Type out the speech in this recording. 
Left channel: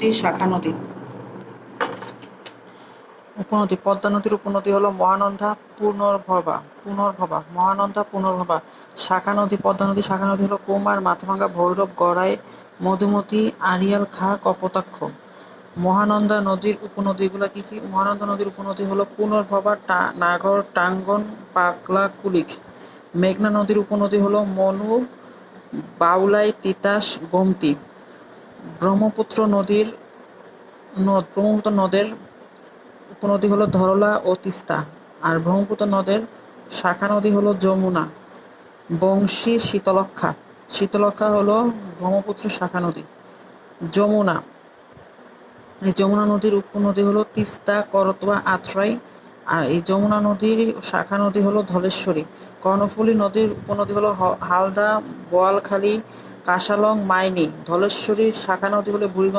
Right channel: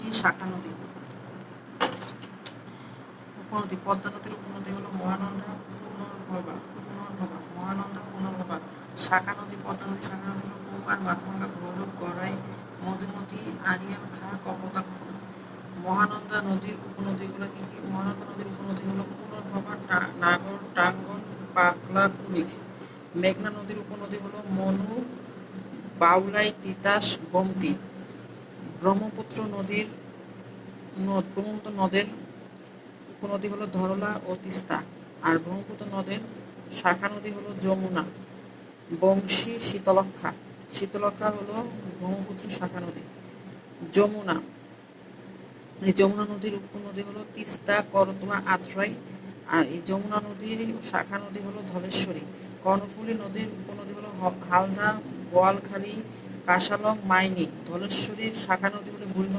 নদী, শাখা নদী। উপনদী, পদ্মা নদীর উপনদী হলো মহানন্দা পুনর্ভবা পুনর্ভবা, মহানন্দা পুনর্ভবা। শাখা নদী, পদ্মা নদী, শাখা নদী হলো কুমার, মাথাভাঙ্গা, ভৈরব, গড়াই, মধুমতি, আড়িয়াল, খা, কপোতাক্ষ। মহানন্দা নদীর উপনদীগুলো কি কি? মহানন্দা নদীর উপনদী হলো পুনর্ভবা নাগর, টাঙ্গন, পাগলা কুলিক মেঘনা নদীর উপনদী হলো মনু, বাউলাই, তিতাস, গোমতী। ব্রহ্মপুত্র নদীর নদ ব্রহ্মপুত্র নদের উপনদী হলো ধরলা ও তিস্তা, আর ব্রহ্মপুত্র নদের শাখা নদী হলো যমুনা। বংশী শীতলক্ষা শীতলক্ষা হলো ব্রহ্মপুত্র শাখা নদী। যমুনা, এই যমুনা নদীর উপনদী হলো তিস্তা, করতোয়া, আত্রাই আর এই যমুনা নদীর শাখা নদী হলো ধলেশ্বরী, কর্ণফুলী নদীর উপনদী হলো হালদা, বোয়ালখালী কাশালং মাইনি। ধলেশ্বরীর শাখা নদী হলো বুড়িগঙ্গা